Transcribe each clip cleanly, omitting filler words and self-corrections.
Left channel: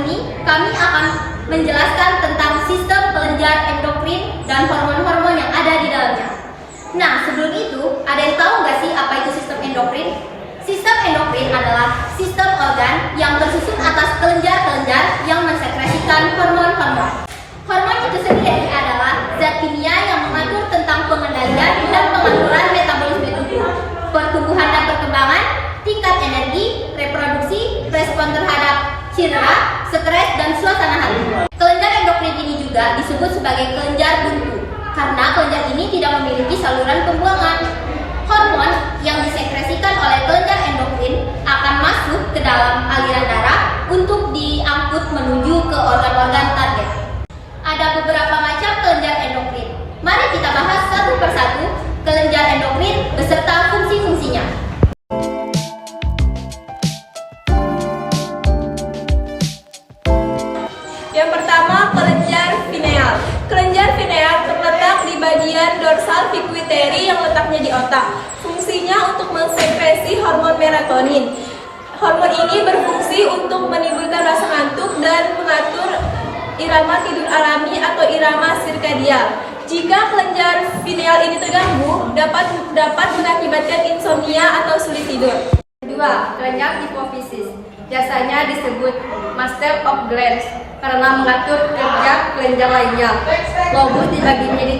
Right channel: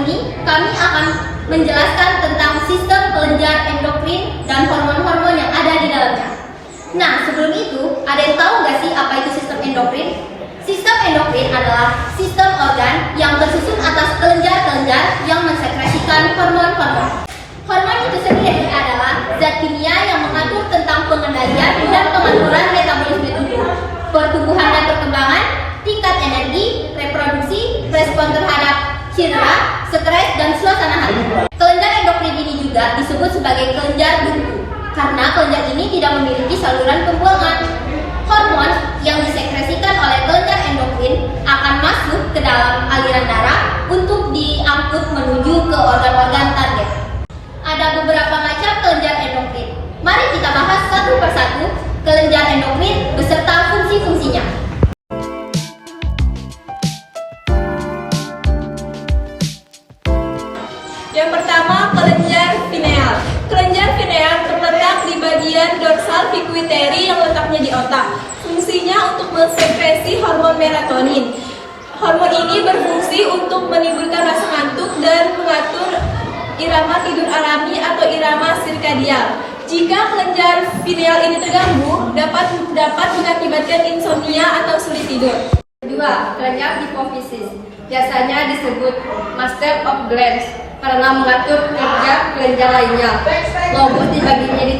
ini kami akan menjelaskan tentang sistem kelenjar endokrin dan hormon-hormon yang ada di dalamnya. Nah, sebelum itu, ada yang tahu nggak sih apa itu sistem endokrin? Sistem endokrin adalah sistem organ yang tersusun atas kelenjar-kelenjar yang mensekresikan hormon-hormon. Hormon itu sendiri adalah zat kimia yang mengatur tentang pengendalian dan pengaturan metabolisme tubuh, pertumbuhan dan perkembangan, tingkat energi, reproduksi, respon terhadap cedera, stres, dan suasana hati. Kelenjar endokrin ini juga disebut sebagai kelenjar buntu, karena kelenjar ini tidak memiliki saluran pembuangan. Hormon yang disekresikan oleh kelenjar endokrin akan masuk ke dalam aliran darah untuk diangkut menuju ke organ-organ target. Ada beberapa macam kelenjar endokrin. Mari kita bahas satu persatu kelenjar endokrin beserta fungsi-fungsinya. Yang pertama, kelenjar pineal. Kelenjar pineal terletak di bagian dorsal pituitary yang letaknya di otak. Fungsinya untuk mensekresi hormon melatonin. Hormon ini berfungsi untuk menimbulkan rasa ngantuk dan mengatur irama tidur alami atau irama sirkadial. Jika kelenjar pineal ini terganggu, dapat mengakibatkan insomnia atau sulit tidur. Kedua, kelenjar hipofisis. Biasanya disebut master of glands karena mengatur kerja kelenjar lainnya. Lobus dibagi menjadi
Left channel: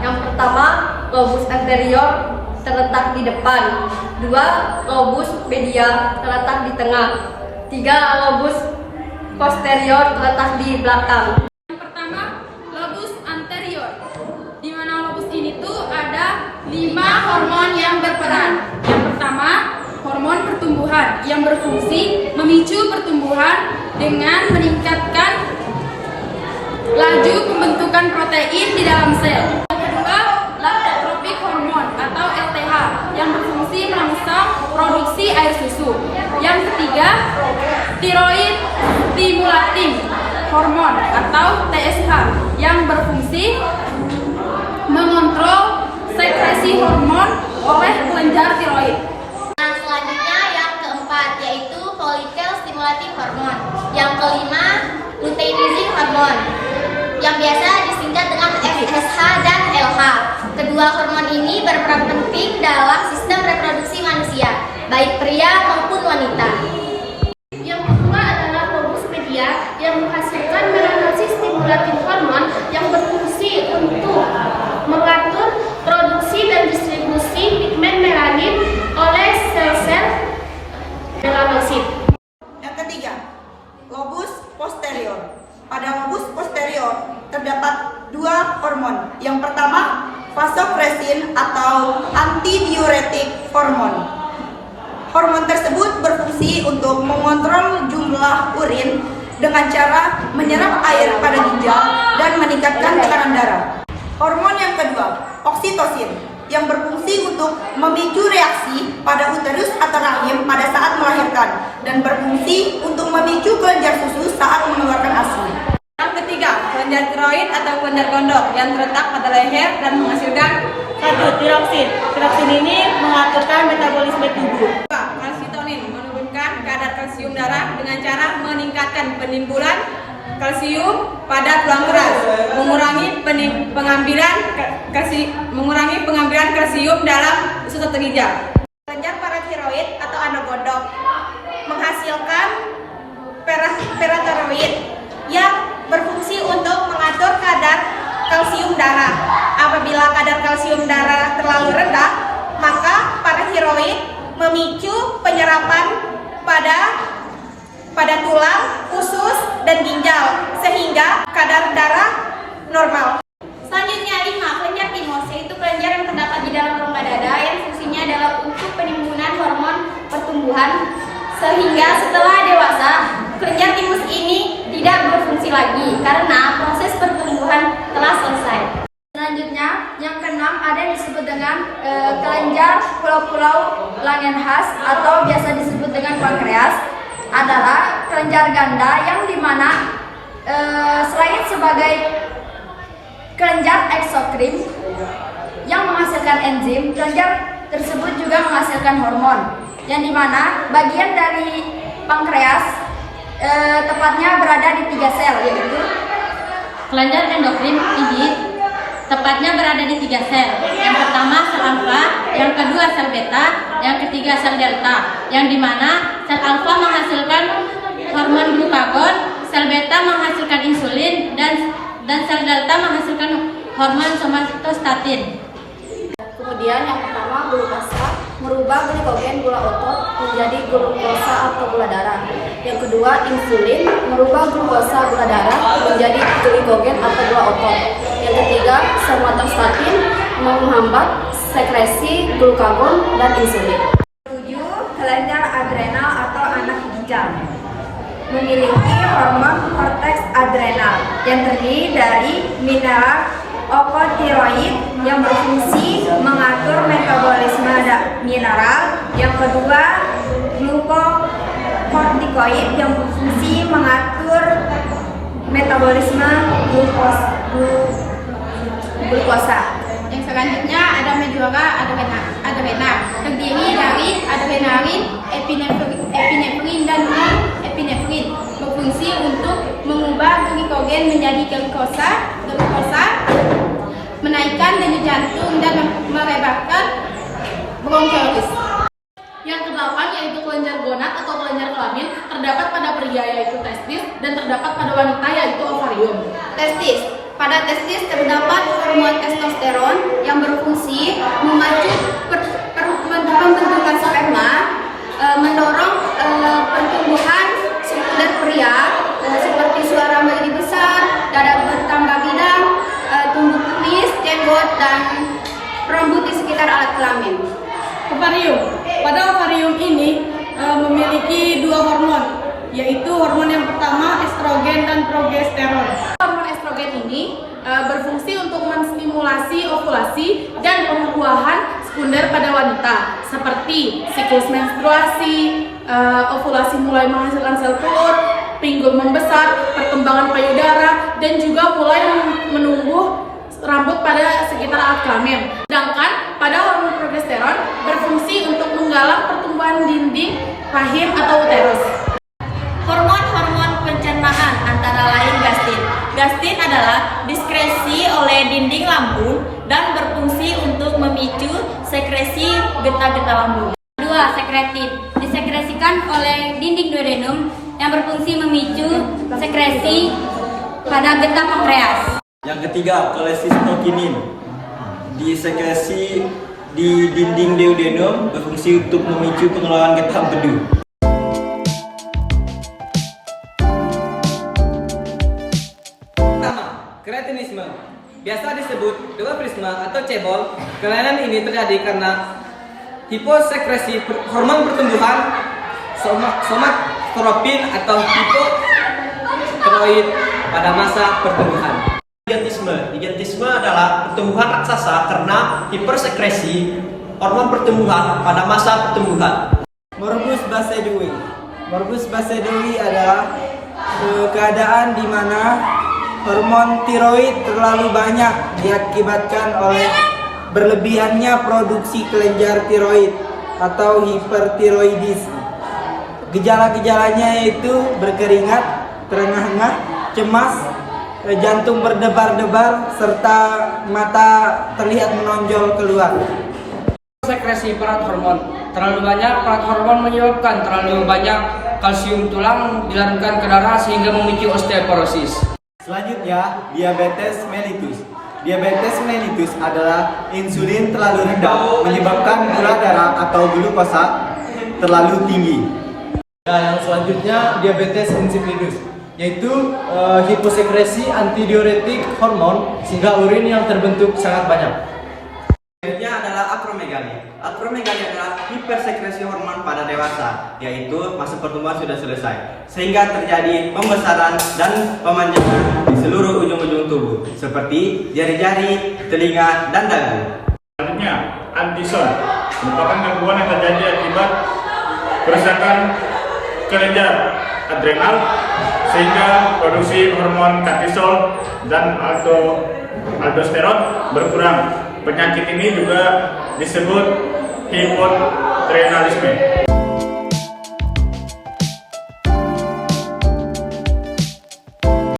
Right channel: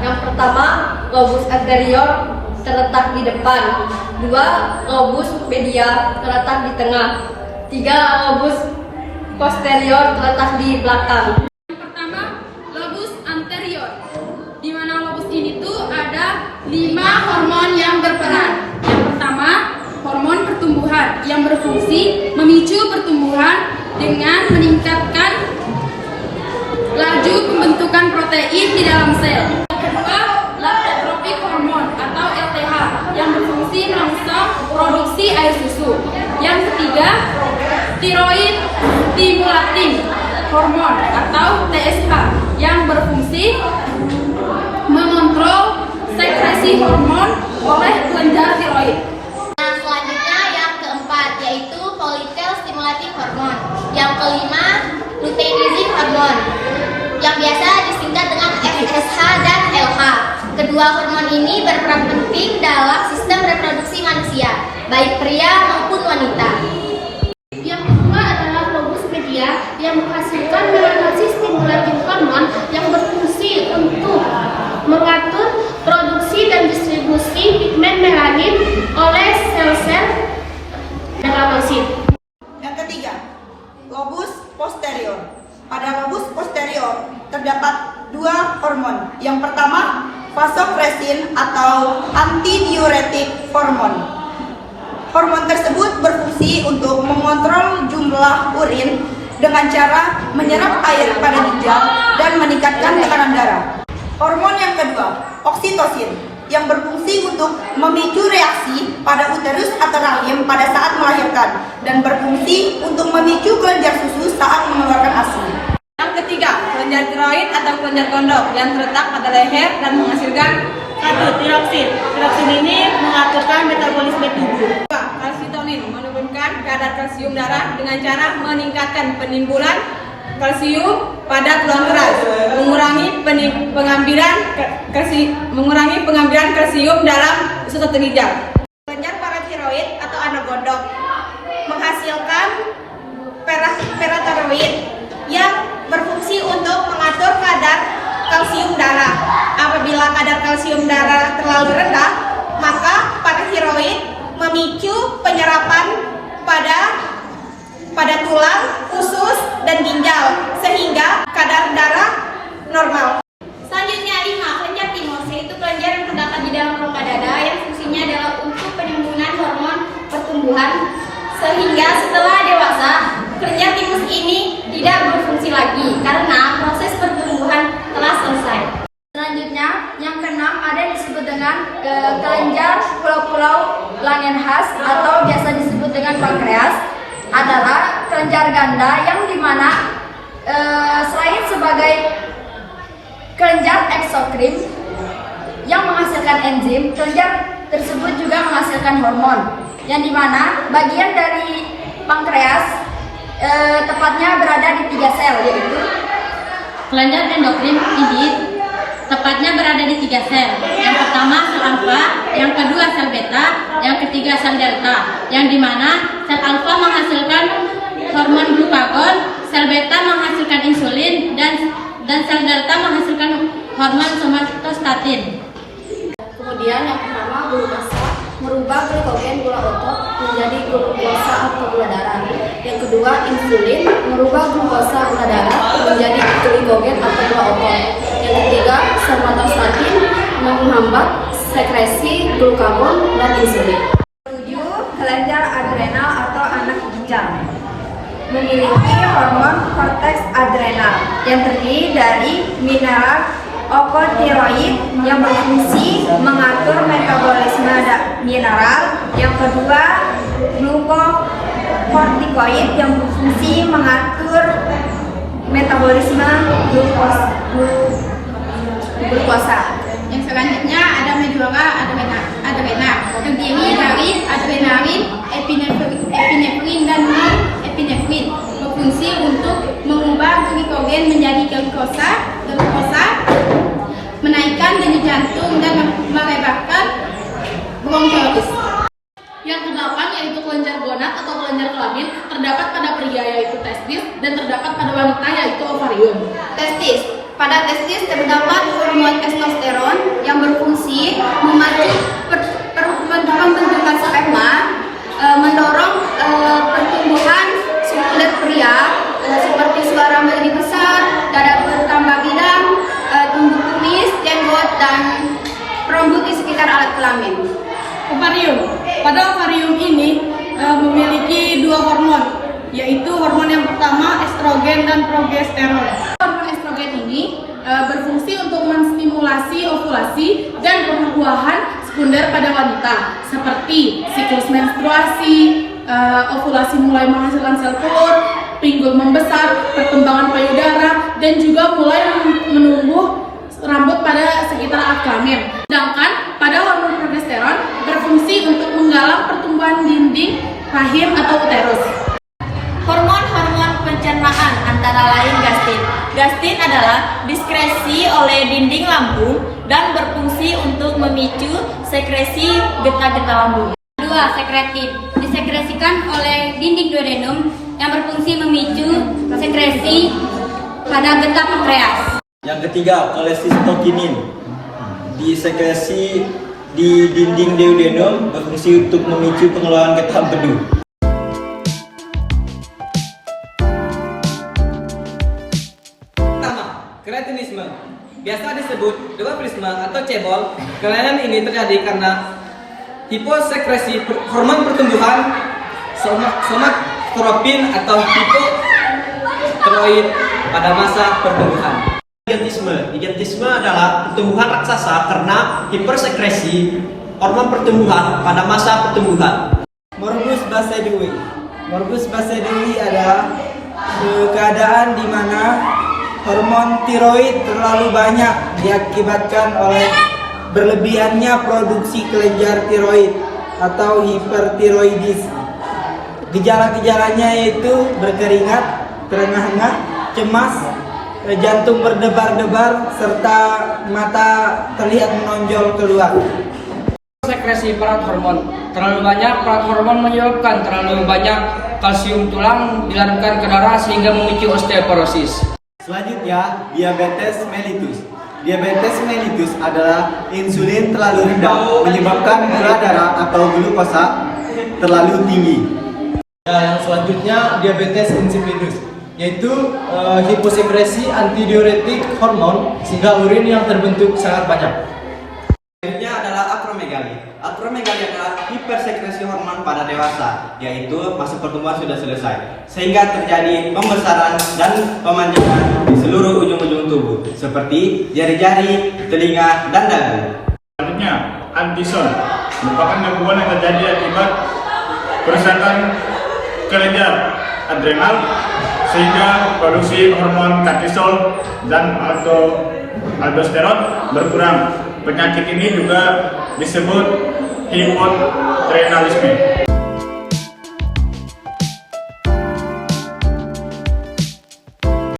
3. Yang pertama, lobus anterior terletak di depan. 2. Lobus media terletak di tengah. 3. Lobus posterior terletak di belakang. Yang pertama, lobus anterior. Di mana lobus ini tuh ada 5 hormon yang berperan. Yang pertama, hormon pertumbuhan yang berfungsi memicu pertumbuhan dengan meningkatkan laju pembentukan protein di dalam sel. Yang kedua, lactotropic hormone atau LTH yang berfungsi merangsang produksi air susu. Yang ketiga, thyroid stimulating hormone atau TSH yang berfungsi mengontrol sekresi hormon oleh kelenjar tiroid. Nah, selanjutnya yang keempat yaitu follicle stimulating hormone. Yang kelima, luteinizing hormone yang biasa disingkat dengan FSH dan LH. Kedua hormon ini berperan penting dalam sistem reproduksi manusia, baik pria maupun wanita. Yang kedua adalah lobus media yang menghasilkan melatonin stimulating hormone yang berfungsi untuk mengatur produksi dan distribusi pigmen melanin oleh sel-sel melanosit. Yang ketiga, lobus posterior. Pada lobus posterior terdapat 2 hormon. Yang pertama, vasopressin atau antidiuretik hormon. Hormon tersebut berfungsi untuk mengontrol jumlah urin dengan cara menyerap air pada ginjal dan meningkatkan tekanan darah. Hormon yang kedua, oksitosin, yang berfungsi untuk memicu reaksi pada uterus atau rahim pada saat melahirkan dan berfungsi untuk memicu kelenjar susu saat mengeluarkan ASI. Yang ketiga, kelenjar tiroid atau kelenjar gondok yang terletak pada leher dan menghasilkan 1. Tiroksin. Tiroksin ini mengaturkan metabolisme tubuh. 2. Kalsitonin menurunkan kadar kalsium darah dengan cara meningkatkan penimbunan kalsium pada tulang keras, mengurangi pengambilan kalsium dalam usus atau ginjal. Kelenjar paratiroid atau anak gondok menghasilkan paratiroid yang berfungsi untuk mengatur kadar kalsium darah. Apabila kadar kalsium darah terlalu rendah, maka paratiroid memicu penyerapan pada tulang, usus, dan ginjal sehingga kadar darah normal. Selanjutnya 5, kelenjar timus, yaitu kelenjar yang terdapat di dalam rongga dada yang fungsinya adalah untuk penimbunan hormon pertumbuhan sehingga setelah dewasa kelenjar timus ini tidak berfungsi lagi karena proses pertumbuhan telah selesai. Selanjutnya, yang keenam ada disebut dengan kelenjar pulau-pulau Langerhans atau biasa disebut dengan pankreas. Adalah kelenjar ganda yang dimana selain sebagai kelenjar eksokrin yang menghasilkan enzim, kelenjar tersebut juga menghasilkan hormon yang dimana bagian dari pankreas tepatnya berada di 3 sel, yaitu Kelenjar endokrin ini tepatnya berada di 3 sel. Yang pertama sel alfa, yang kedua sel beta, yang ketiga sel delta. Yang dimana sel alfa menghasilkan hormon glukagon, sel beta menghasilkan insulin, dan sel delta menghasilkan hormon somatostatin. kemudian yang pertama glukosa, merubah glukogen gula otot menjadi glukosa atau gula darah. Yang kedua insulin, merubah glukosa gula darah menjadi glikogen atau gula otot. Yang ketiga somatostatin, menghambat sekresi glukagon dan insulin. 7. Kelenjar adrenal atau anak ginjal memiliki hormon korteks adrenal yang terdiri dari mineral okotiroid yang berfungsi mengatur metabolisme mineral. Yang kedua glukokortikoid yang berfungsi mengatur metabolisme glukosa. Yang selanjutnya ada medula adrena, terdiri dari adrenalin, epinefrin, dan non-epinefrin, berfungsi untuk mengubah glikogen menjadi glukosa, menaikkan denyut jantung dan merebahkan bronkiolitis. Yang kedelapan yaitu kelenjar gonad atau kelenjar kelamin, terdapat pada pria yaitu testis dan terdapat pada wanita yaitu ovarium. Testis. Pada testis terdapat hormon testosteron yang berfungsi memacu pembentukan sperma, mendorong pertumbuhan sekunder pria seperti suara menjadi besar, dada bertambah bidang, tumbuh kumis, jenggot, dan rambut di sekitar alat kelamin. Ovarium. Pada ovarium ini memiliki 2 hormon, yaitu hormon yang pertama estrogen dan progesteron. Hormon estrogen ini berfungsi untuk menstimulasi ovulasi dan pembuahan sekunder pada wanita, seperti siklus menstruasi, ovulasi mulai menghasilkan sel telur, pinggul membesar, perkembangan payudara, dan juga mulai menumbuh rambut pada sekitar alat kelamin. Sedangkan pada hormon progesteron berfungsi untuk menggalang pertumbuhan dinding rahim atau uterus. Hormon-hormon pencernaan antara lain gastrin. Gastrin adalah diskresi oleh dinding lambung dan berfungsi untuk memicu sekresi getah-getah lambung. Kedua, sekretin. Disekresikan oleh dinding duodenum yang berfungsi memicu sekresi pada getah pankreas. Yang ketiga, kolesistokinin. Disekresi di dinding duodenum berfungsi untuk memicu pengeluaran getah empedu. Kretinisme, biasa disebut dwarfisme atau cebol. Kelainan ini terjadi karena hiposekresi hormon pertumbuhan somatotropin atau hipotiroid pada masa pertumbuhan. Gigantisme adalah pertumbuhan raksasa karena hipersekresi hormon pertumbuhan pada masa pertumbuhan. Morbus Basedii. Morbus Basedii adalah keadaan di mana hormon tiroid terlalu banyak diakibatkan oleh berlebihannya produksi kelenjar tiroid atau hipertiroidis. Gejala-gejalanya yaitu berkeringat, terengah-engah, cemas, jantung berdebar-debar, serta mata terlihat menonjol keluar. Sekresi perat hormon. Terlalu banyak perat hormon menyebabkan terlalu banyak kalsium tulang dilarutkan ke darah sehingga memicu osteoporosis. Selanjutnya, diabetes mellitus. Diabetes mellitus adalah insulin terlalu rendah menyebabkan gula darah atau glukosa terlalu tinggi. Yang selanjutnya diabetes insipidus, yaitu hiposekresi antidiuretik hormon sehingga urin yang terbentuk sangat banyak. Selanjutnya adalah akromegali. Akromegali adalah hipersekresi hormon pada dewasa, yaitu masa pertumbuhan sudah selesai, sehingga terjadi pembesaran dan pemanjangan di seluruh ujung-ujung tubuh, seperti jari-jari, telinga, dan dagu. Selanjutnya, antison merupakan gangguan yang terjadi akibat kerusakan kelenjar adrenal sehingga produksi hormon kortisol dan aldosteron berkurang. Penyakit ini juga disebut hipotiroidisme.